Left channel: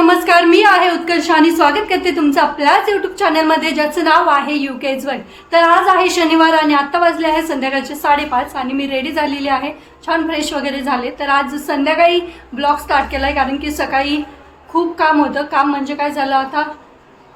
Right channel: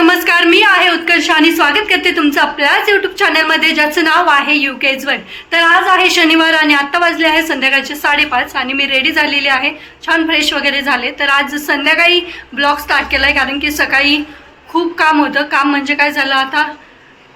नमस्कार, मी आहे उत्कर्ष आणि स्वागत करते तुमचं आपल्याच यूट्यूब चॅनलमध्ये ज्याचं नाव आहे UK's वर्ल्ड। तर आज आहे शनिवार आणि आत्ता वाजले आहे संध्याकाळचे 5:30 आणि मी रेडी झालेली आहे, छान फ्रेश वगैरे झाले। तर आज संध्याकाळी ब्लॉग स्टार्ट केला आहे कारण की सकाळी खूप काम होतं। काम म्हणजे काय झालं, आता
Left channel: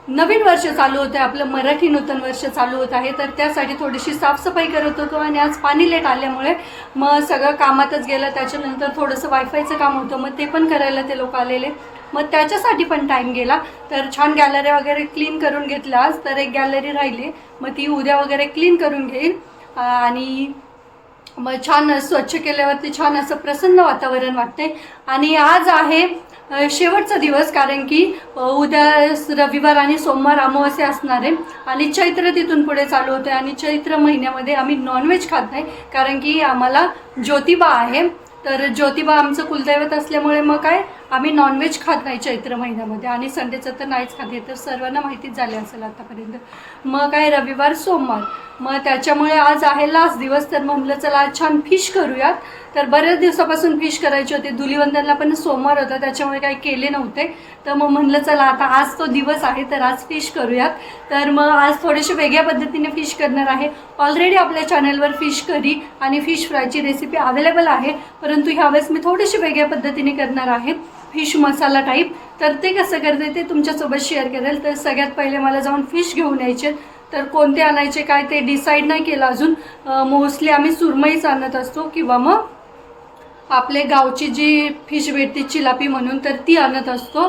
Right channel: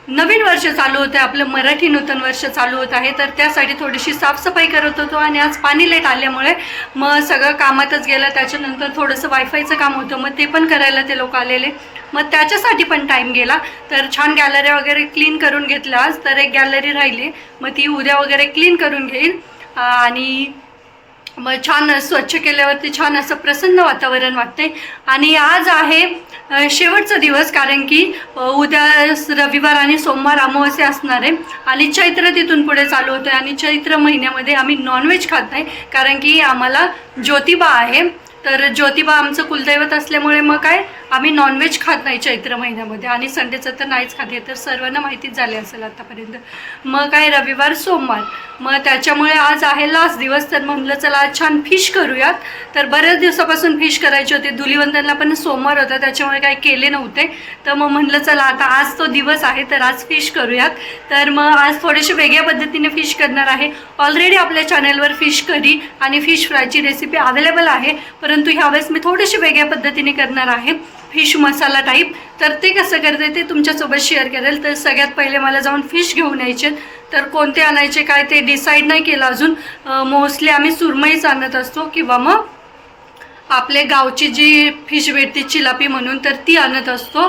नवीन वर्ष चालू होतं, आपलं मराठी नूतन वर्ष चालू होत आहे। तर त्यासाठी थोडीशी साफसफाई करत होतो आणि आज पाणी लेट आल्यामुळे मग सगळं कामातच गेलं। त्याच्यानंतर थोडंसं वायफायचं काम होतं, मग ते पण करायला ते लोक आलेले, मग त्याच्यासाठी पण टाईम गेला। तर छान गॅलऱ्या वगैरे क्लीन करून घेतल्या आज, तर एक गॅलरी राहिली, मग ती उद्या वगैरे क्लीन करून घेईल आणि मग छान स्वच्छ केल्यावरती छान असं प्रसन्न वातावरण वाटते। आणि आज आहे शेवटचा दिवस कारण की उद्या रविवार आणि सोमवार अमावास्या असणार आहे आणि चैत्र तिथून पुढे चालू होते आणि चैत्र महिन्यामध्ये आम्ही नॉनव्हेज खात नाही कारण की आम्हाला ज्योतिबा आहे। तर ज्योतिबा आमचं कुलदैवत असल्यामुळे मग काय आम्ही नॉनव्हेज खात नाही चैत्र महिन्यामध्ये आणि संडेचं तर नाहीच खाते, तर सर्वांना माहितीच झाले असेल आतापर्यंत। मग काय रविवार सोमवार, मग त्याच्यामुळे आज आहे लास्ट दिवस, तर म्हणलं चला आज छान फिश करूयात। तर बऱ्याच दिवसापासून फिश करायचे होते, धुलिवंदनला पण सोमवार होता त्याच्यामुळे काही केले नव्हते, तर मग म्हणलं चला आता आज तो दिवस आहे तर आज फिश करूयात। तर मग आज थोडेसे वेगळ्या पद्धतीने फिश करणार आहे। ऑलरेडी आपल्या चॅनलवर फिश करी आणि फिश फ्रायची रेसिपी अवेलेबल आहे, परंतु ह्यावेळेस मी थोडीशी वेगळ्या पद्धतीने करणार आहे, फिश मसाला टाईप। तर ते कसं करते ते तुमच्यासोबत शेअर करेल। तर सगळ्यात पहिले मला जाऊन फिश घेऊन यायचे, तर कोणते आणायचे काय ते डिसाईड नाही केलं अजून। मोस्टली आम्ही सुरमईच आणत असतो किंवा मग आपले गावची जी फिश भेटते चिलापी म्हणून, तर ती आणत असतो।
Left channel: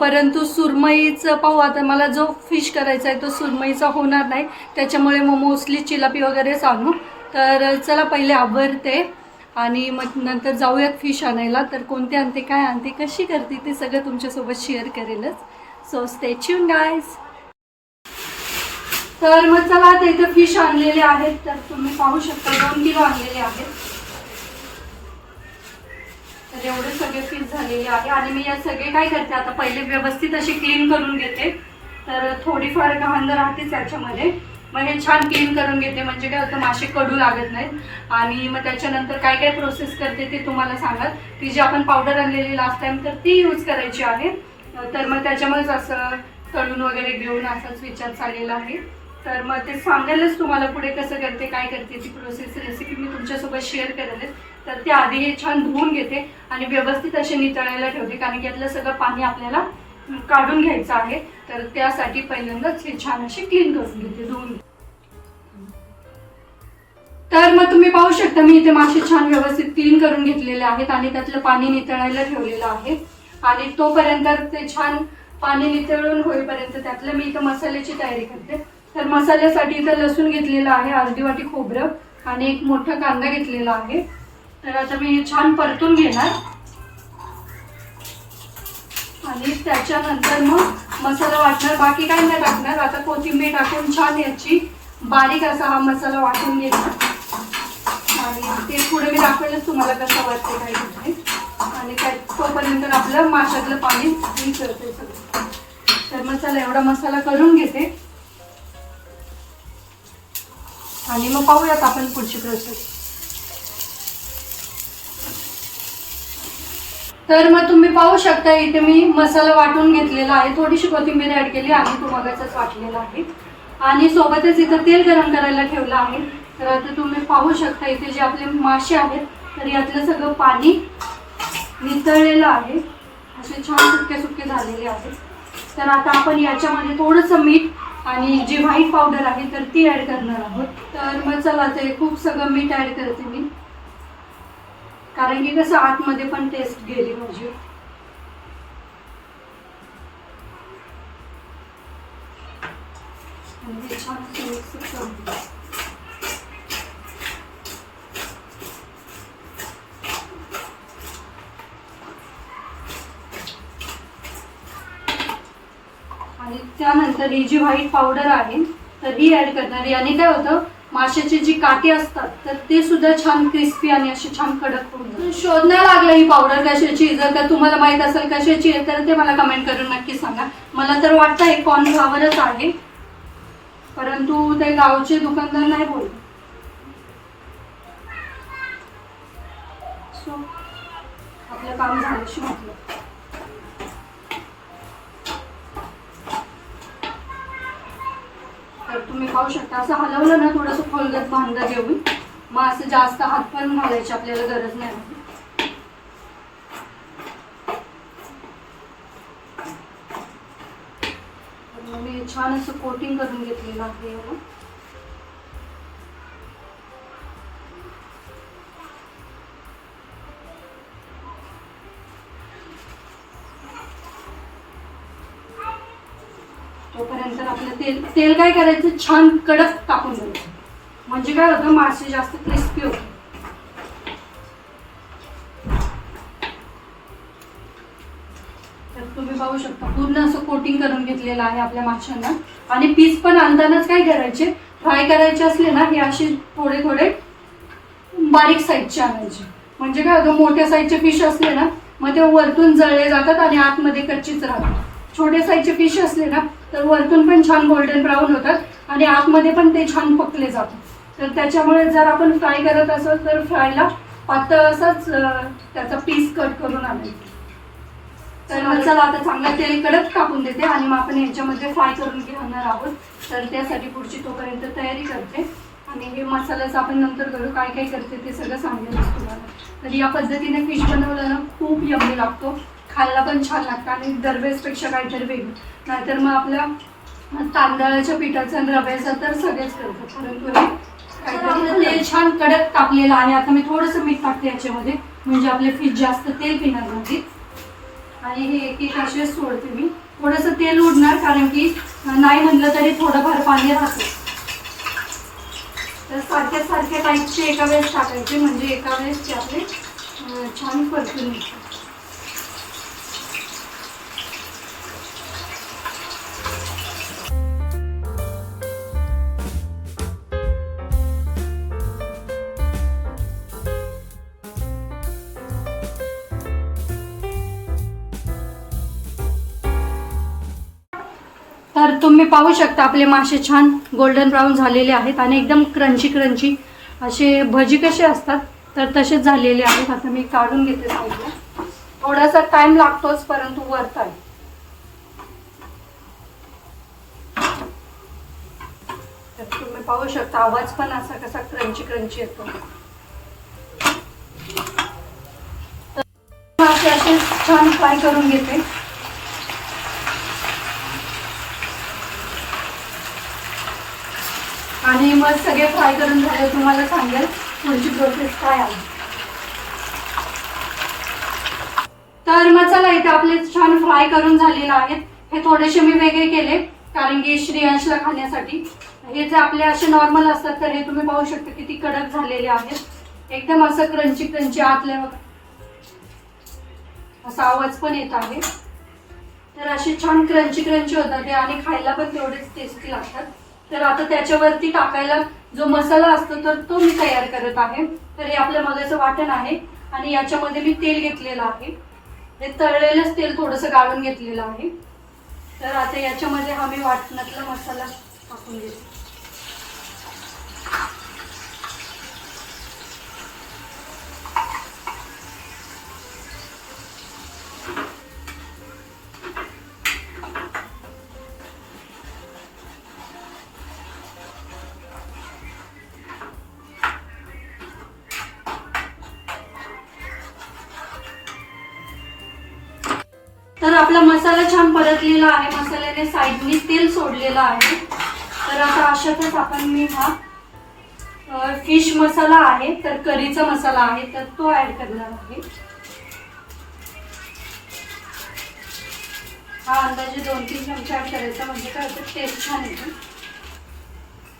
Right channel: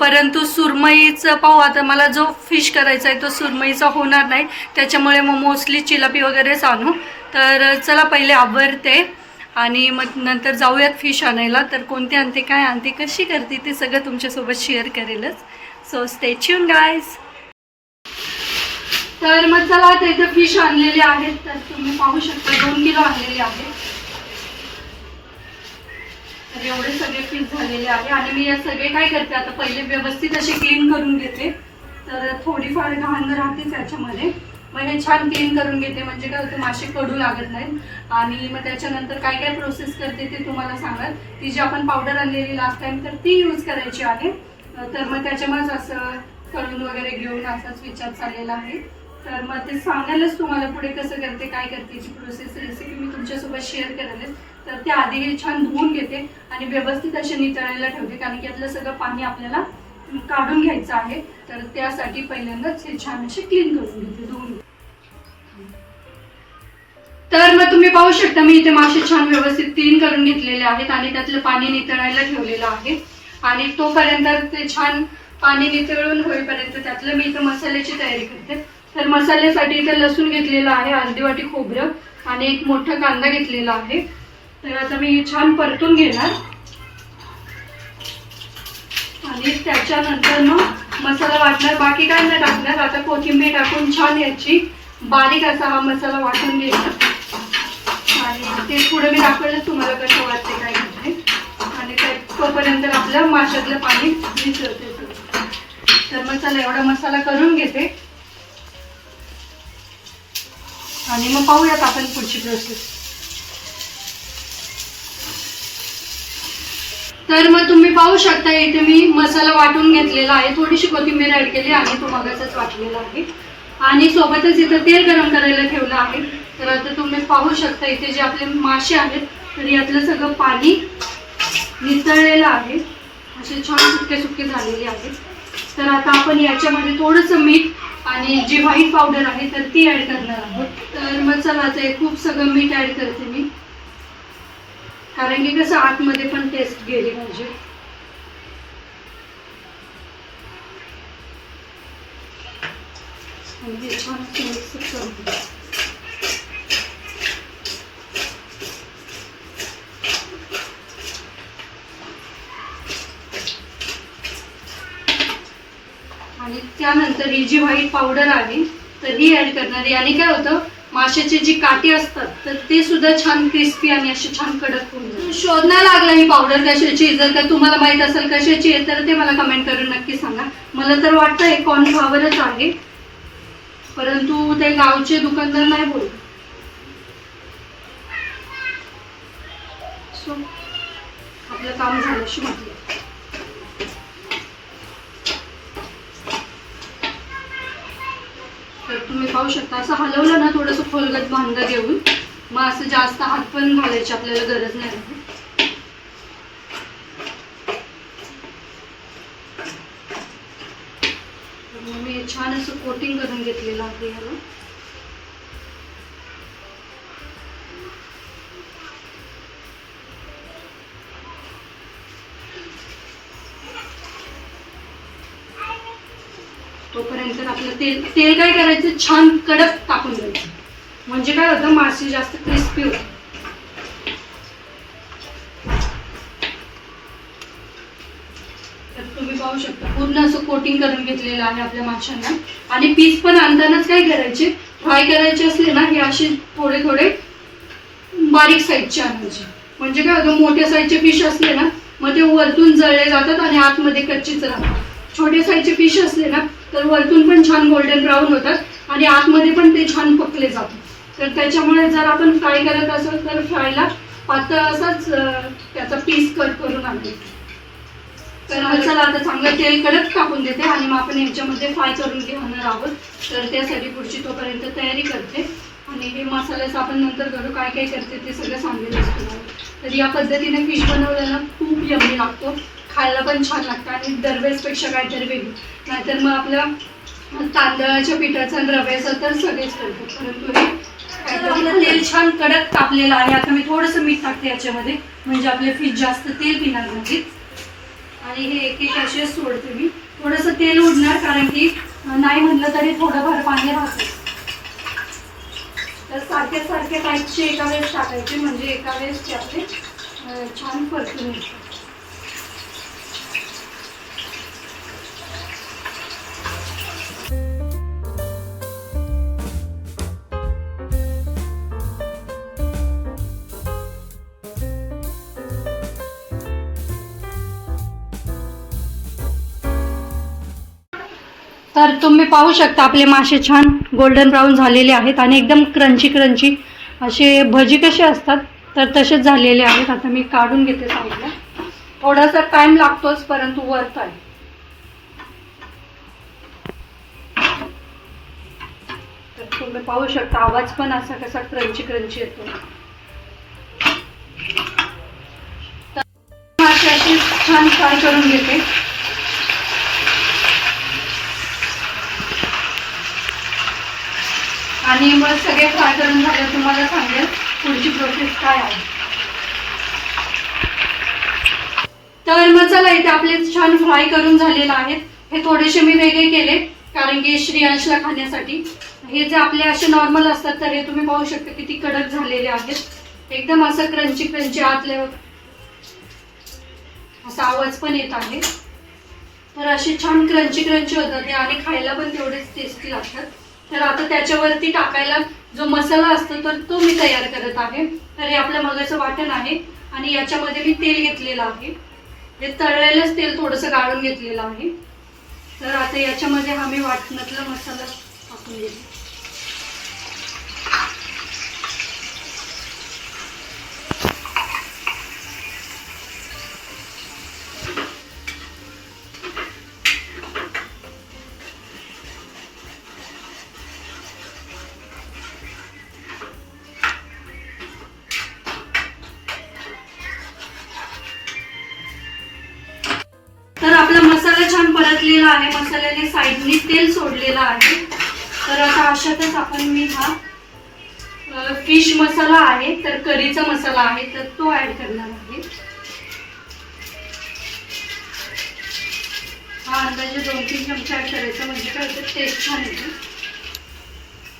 परंतु सुरमईचं पाहू, आता मला जो फिश करायचा आहे तो सुरमईचा होणार नाही, त्याच्यामुळे मग मोस्टली चिलापी वगैरेच आणू। तर चला पहिले आवरते आणि मग नंतर जाऊयात फिश आणायला। तर कोणते आणते, काय आणते, कशी करते ते सगळं तुमच्यासोबत शेअर करेलच, सो स्टे ट्यून गाईज। तर मग चला आता इथं फिश आणलेले आहेत, तर तुम्ही पाहू शकता 2 किलो आणलेले आहेत। तर एवढे सगळे फिश झालेले आहे आणि मी या सगळे काय करते आता पहिले व्यवस्थित अशी क्लीन करून घेते। तर थोडीफार घाण राहतेच याच्यामध्ये, मग हे छान क्लीन करून घेते म्हणजे काय होतं मासे कडू लागत नाहीत। आणि मग त्याच्यानंतर काय काय प्रोसेस करते ते तुम्हाला सांगाल। ती जी आपण पावडर आणलेली लास्ट टाइम तर ती यूज करायची आहे, तर मग त्याच्यामुळेच असं तळून वगैरे घेऊन असाच विचार चाललेला आहे। तर मग ते सांगायलाच तुम्हाला पुढे कसं करते काय करते ती प्रोसेस रेसिपी मी तुमच्यासोबत शेअर करेलच। तर ते आधी हे छान धुवून घेते आणि व्यवस्थित असे नितळायला ठेवते कारण की यातलं सगळं पाणी आपल्याला काढून घ्यायचं आहे। तर त्यासाठी पहिल्यांदाच हे छान असे क्लीन करून घेते, धुवून। तर मग तुम्ही पाहू शकता मी इथे मासे छान व्यवस्थित क्लीन करून घेतलेले आहेत आणि त्यातलं पाणी नितळायला ठेवलेलं आहे। आणि तोपर्यंत ते छान पाणी नितळून होईपर्यंत त्यातलं मी इथं मसाल्याची तयारी करते। तर मसाल्यासाठी इथे लसूण घेतलेला आहे, अर्धी वाटी खोबरं आणि एक मोठा कांदा घेतलेला आहे। तर आता मी छान परतून घेणार आणि त्याच्यानंतर मग मसाला वाटणार, बाकी काय नाही टाकणार। आता कोथिंबीर टाकून छान याची बारीक असा हा मसाला वाटून घेणार आणि ते पुढे मी दाखवलं तुम्हाला कसं वाटते काय करते। आणि तोपर्यंत आपलं माशातलं पाणी मिसळते सगळं। तर मग चला एवढा मसाला करून घेते आणि मग पाहूयात आपण पुढची प्रोसेस। तर मग तुम्ही पाहू शकता इथे मी मसाला वाटून घेतलेला आहे, थोडीशी कोथिंबीर ऍड केली आणि तो मगाचाच वाटलेला आहे आणि सोबतच इथं तेल गरम करायला ठेवलं आहे। तर आता तुम्ही पाहू शकता इथे जे आपले मासे आहेत तर यातलं सगळं पाणी नितळलेलं आहे, असे छान सुके सुके झालेले आहेत। तर आता आपण याच्यामध्ये थोडंसं मीठ आणि जी व्हाईट पावडर आहे तर ती ऍड करणार आहोत। तर मग चला ते खूप सगळं मीठ ऍड करते मी कारण की कसं आतमध्ये पण टेस्ट गेली पाहिजे। छान मिक्स करून आणि त्यानंतर ही जी व्हाईट पावडर आहे तर ही ऍड करणार। याने काय होतं माशाची जी काठी असतात तर ते सुद्धा छान क्रिस्पी आणि अशी छान कडक होऊन जातात। शोधण्याला लागला ही पावडर कशाची, जर का तुम्हाला माहित असेल कशाची आहे तर ते मला कमेंट करून नक्की सांगा। मला तर वाटतं हे कॉर्नफ्लॉवरच आहे, परंतु ते गावचे दुकानदार नाही बोलत। सो आपलं काम झाल्याशी म्हटलं तुम्ही पाहू शकता असं हलवलं ना थोडंसं खोलगट बांधलं घेऊन, मग असं जास्त हात पण घालायची आपल्याला गरज नाही आहे. मी छान असं कोटिंग करून घेतलेलं आहे याला. तोपर्यंत आपलं तेल काय करायचं, छान कडक टाकून द्यायचं, म्हणजे काय होतं मासे जास्त क्रिस्पी होते. तर तुम्ही पाहू शकता पूर्ण असं कोटिंग करून घेतलेलं आहे आपल्या माशांना. आणि पीस पण आणतानाच काय करायचे, फ्राय करायचे असले ना हे असे थोडे थोडे बारीक साईजचे आणायचे, म्हणजे काय होतं मोठ्या साईजचे फिश असले ना मग ते वरतून जळले जातात आणि आतमध्ये कच्चीच राहतात. छोटे साईजचे फिश असले ना तर वरतून पण छान गोल्डन ब्राऊन होतात आणि आतमध्ये पण ते छान पकले जातात. तर त्याच्यामुळे जर आपण फ्राय करत असेल तर फ्रायला पातळ असाच त्याचा पीस कट करून आणायचा. तर चला आता चांगलं तेल कडक टाकून देते आणि मग आपण याच्यामध्ये फ्राय करून घेणार आहोत. तर त्यासाठी पुढची तोपर्यंत तयारी करते आणि हे मसाल्याचं आपण नंतर करू, काय काय करते ते सगळं सांगेल तुम्हाला. तर या पद्धतीने फिश बनवलं ना खूप यम्मी लागतो, खायला पण छान लागतं आणि दरवेळेसपेक्षा काहीतरी वेगळं. नाहीतर मग आपल्या तांदळाच्या पिठाचा आणि रव्याचा तर सगळेच करतो, परंतु आपलं तेल छान कडक तापलेलं आहे. आता मी थोडंसं मीठ टाकते याच्यामध्ये, म्हणजे आपले फिश जास्त तेल पिणार नाहीत. आणि हे एक एक असे सोडते मी, थोडंसं तेल उडणार कारण की नाही म्हणलं तरी थोडंफार पाणी राहतं. तर सारखे सारखे टाईपचे एका वेळेस टाकायचे, म्हणजे एका वेळेस ते आपले छान परतून येतात. तर तुम्ही पाहू शकता आपले मासे छान गोल्डन ब्राऊन झालेले आहेत आणि एकदम क्रंची क्रंची असे भजी कसे असतात तर तसेच झालेले आहेत. आता मी काढून घेते साईडला, थोडासा टाइम लागतोच परंतु वर्थ आहे. तर तुम्ही पाहू शकता आवाज पण असा कसा क्रंची क्रंची येतो. मासे असे छान फ्राय करून घेते. आणि मग सगळे फ्राय करून झाले तुम्हाला सांगेल पुढची प्रोसेस काय आहे. तर मसाला इथे आपले छान फ्राय करून झालेला आहेत. हे थोडेसे मी वेगळे केले कारण की श्रेयांशला खाण्यासाठी. हे जे आपले असे नॉर्मल असतात तर हे तुम्ही पाहू शकता किती कडक झालेले आहेत, एकदम असं क्रंची क्रंची आतल्या असा आवाज पण येत आहे. तर असे छान क्रंची क्रंची होतात ते आणि खायला पण तेवढेच टेस्टी लागतात. तर आता त्याच्यावरती टाकायला जो मसाला असतो तर तो मी तयार करत आहे. तर हे आपल्या मगाचं वाटण आहे आणि याच्यामध्ये मी तेल घेतलेलं आहे, हे तळलेलंच तेल थोडंसं गाळून घेतलेलं आहे. तर आता याच्यामध्ये हा मी वाटणातला मसाला टाकून घेते. तर आपला मसाला छान परतलेला आहे, मसाल्याने साईडनी तेल सोडलेलं आहे. तर आता अशातच आपण मी हा फिश मसाला आहे तर करीचा मसाला आहे तर तो ऍड करणार आहे. हा अंदाजे 2-3 चमचे ऍड करायचा, म्हणजे काय होतं टेस्ट छान येते.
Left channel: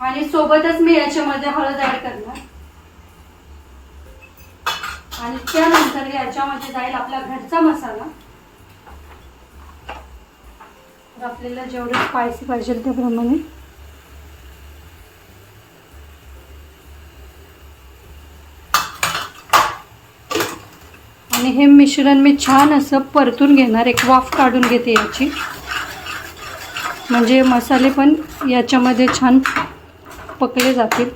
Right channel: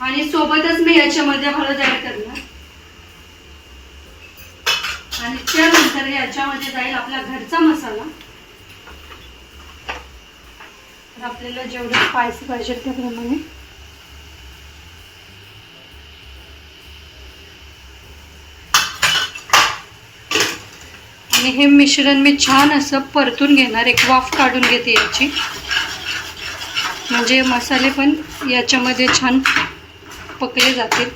आणि सोबतच मी याच्यामध्ये हळद ऍड करणार आणि त्यानंतर याच्यामध्ये जाईल आपला घरचा मसाला. तर आपल्याला जेवढं स्पायसी पाहिजे त्याप्रमाणे. आणि हे मिश्रण मी छान असं परतून घेणार, एक वाफ काढून घेते याची, म्हणजे मसाले पण याच्यामध्ये छान पकले जातील.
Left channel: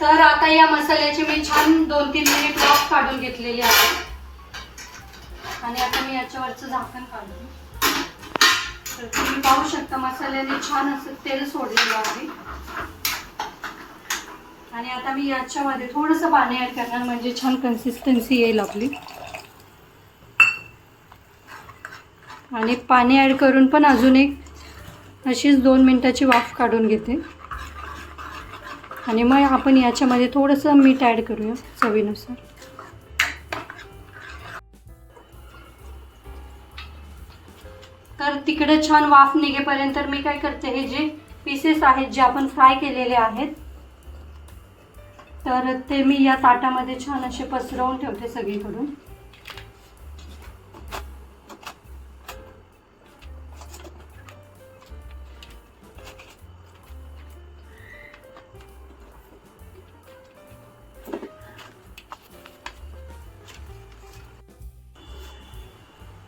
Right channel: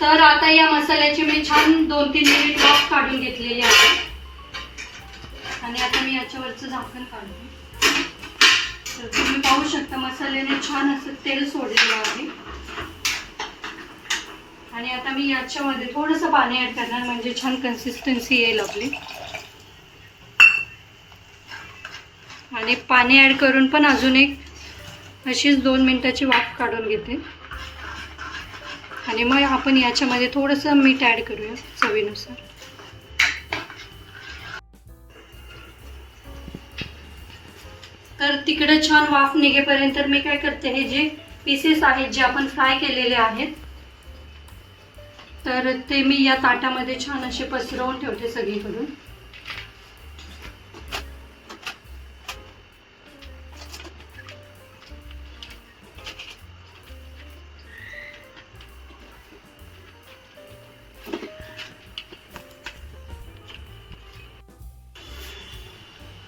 तर आता या मसाल्याची मी छान 2-3 मिनिट वाफ काढून घेतलेली आहे आणि आता मी याच्यावरचं झाकण काढते. तर तुम्ही पाहू शकता मसाल्याने छान असं तेल सोडलेलं आहे. आणि आता मी याच्यामध्ये थोडंसं पाणी ॲड करणार म्हणजे छान कन्सिस्टन्सी येईल आपली. आणि पाणी ॲड करून पण अजून एक अशीच 2 मिनिटाची वाफ काढून घेते. आणि मग आपण याच्यामध्ये थोडंसं मीठ ॲड करूया चवीनुसार. तर तिकडे छान वाफ निघेपर्यंत मी काय करते, हे जे पीसेस आहेत जे आपण फ्राय केलेले आहेत तर ते मी या ताटामध्ये छान असे पसरवून ठेवते सगळीकडून.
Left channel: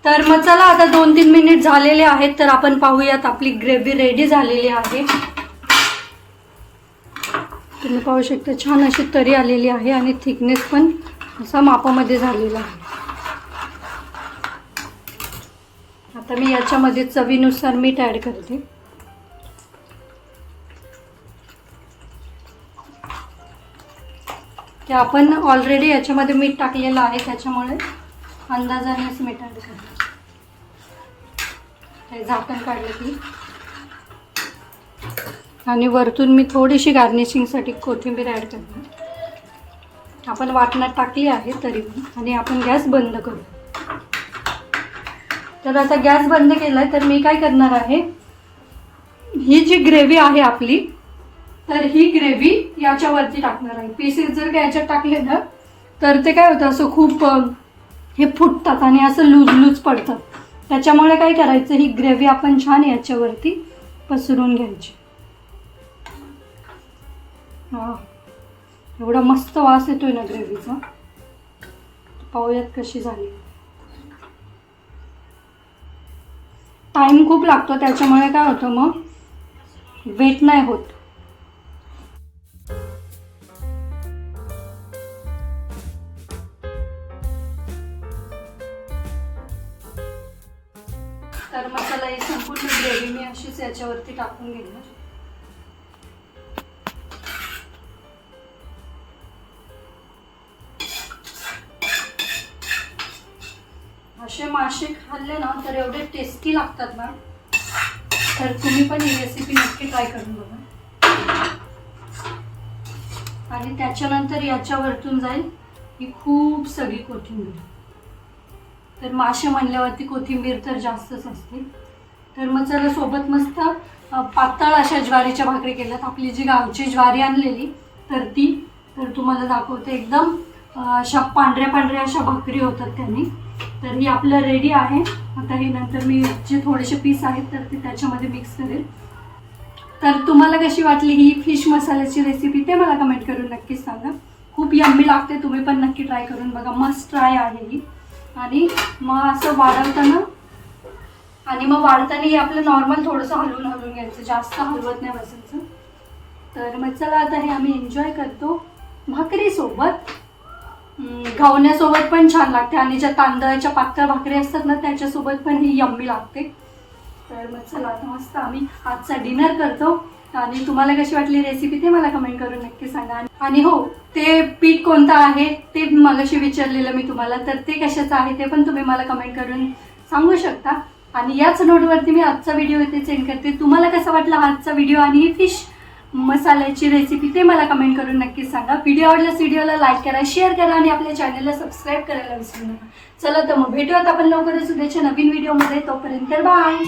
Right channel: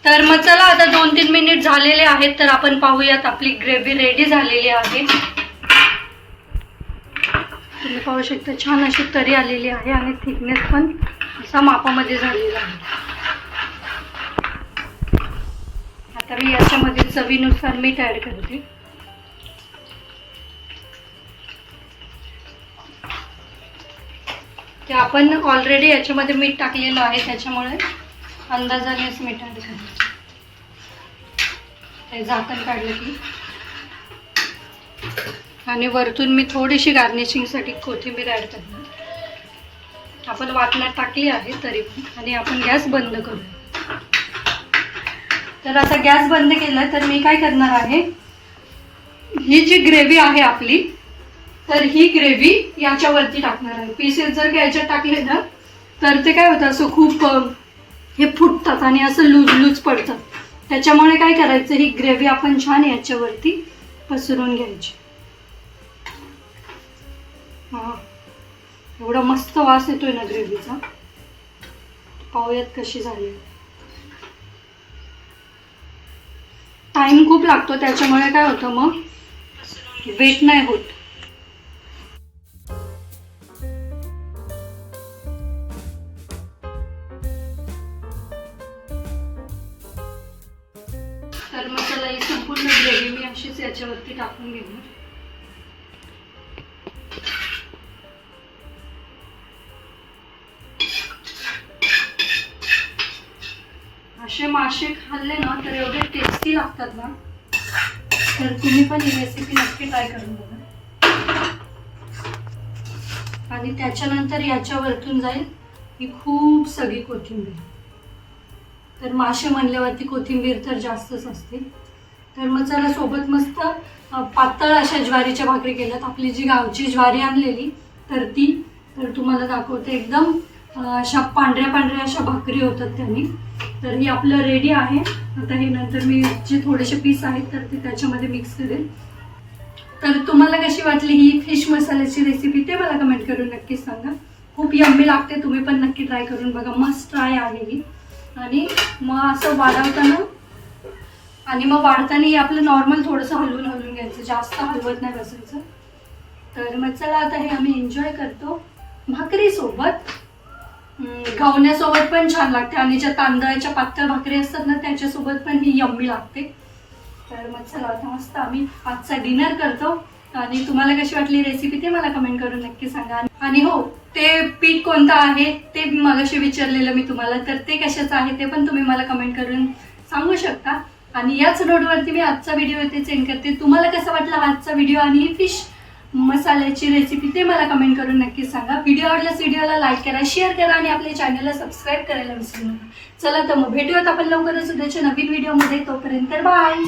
तर मग चला आता 2-3 मिनिट झालेले आहेत. तर आपण पाहूयात आपली ग्रेव्ही रेडी झालेली आहे. तुम्ही पाहू शकता छान अशी तरी आलेली आहे आणि थिकनेस पण असा मापामध्ये झालेला आहे. आता मी याच्यामध्ये चवीनुसार मीठ ॲड करते. ते आपण ऑलरेडी याच्यामध्ये मीठ टाकलेलं आहे त्याच्यामुळे अंदाजानेच मीठ ॲड करते. ते झाकण काढलं की आणि वरतून मी थोडीशी गार्निशिंगसाठी कोथिंबीर ॲड करते. आपण वाटण्यात टाकली आहे तरी पण. आणि आपण गॅस बंद करू. तर आता गॅस बंद केला तर मी काय करणार आहे, ही जी ग्रेव्ही आहे आपली तर ही ग्रेव्ही याच्यावरती टाकणार आहे. पीसेस जर का याच्यात टाकले ना तर ते काय होतं असं खूप हे फुटतात आणि असं लूज लूज पडतात. त्याच्यामुळे काय करायचं, ही ग्रेव्ही आपण छान याच्यावरती पसरून घ्यायची. हां, एवढा मस्त वास येतोय ना ग्रेव्हीचा. पाहूयात कशी झाली. टाइम खूप लागतो त्याच्यामुळे काय होतं मग वेट नाही होत. तर मसाला ही संपूर्ण ग्रेव्ही मी अशीच याच्यावरती टाकून घेणार. असे मासे खाल्ले ना तर एवढे टेस्टी लागतात ना. तर तुम्ही पण ही रेसिपी नक्की ट्राय करून बघा. आणि त्याच्यानंतर याच्यावरतून जाईल ही खूप सगळी कोथिंबीर. तर मासे म्हणल्यावरती कोथिंबीर तर जास्तच असते. तर मग चला सोबत मस्त पातळ अशा ज्वारीच्या भाकरी केल्यात. आपली जी गावची ज्वारी आणलेली तर ती तर तुम्हाला दाखवते. एकदम अशा पांढऱ्या अशा भाकरी होतात त्यांनी. तर ही आपलं रेडी आहे. आता हे नंतर मी जे थोडेसे पीस आहेत तर ते त्याच्यामध्ये मिक्स करेल. तर तुम्हाला कशी वाटली ही फिश मसाल्याची रेसिपी ते मला कमेंट करून नक्कीच सांगा. खूप यम्मी लागते. तुम्ही पण नक्की ट्राय करून बघा. मस्त ट्राय आहे ही. आणि मग असं वाढवताना हे आपलं नॉर्मल थोडंसं हलवून घ्यायचं. जास्त हलवत नाही बसायचं. तर मग चला आता हे आम्ही एन्जॉय करतो भाकरीसोबत. घावण्यासोबत पण छान लागते आणि ज्या तांदळाच्या पातळ भाकरी असतात ना त्याच्यासोबत पण ही यम्मी लागते. तर मग चला आता मस्त आम्ही आजचा डिनर करतो. आणि तुम्हाला कशी वाटली रेसिपी ते मला कमेंट करून नक्की सांगा. आणि हो, ते पीठ कोणतं आहे ते मगाशी विचारलेलं मी तुम्हाला, तर ते कशाचं आहे ते पण तुम्ही मला कमेंट करून सांगू शकता. आणि याच नोटवरती मी आजचा व्हिडिओ इथे सेंड करते. तुम्हाला कसा वाटला आजचा व्हिडिओ आणि ही फिश मसाल्याची रेसिपी ते मला कमेंट करून नक्कीच सांगा. व्हिडिओ आवडल्यास व्हिडिओला लाईक करा, शेअर करा आणि आपल्या चॅनलला सबस्क्राईब करायला विसरू नका. चला तर मग भेटूयात आपण लवकरच उद्याच्या नवीन व्हिडिओमध्ये. तोपर्यंत बाय.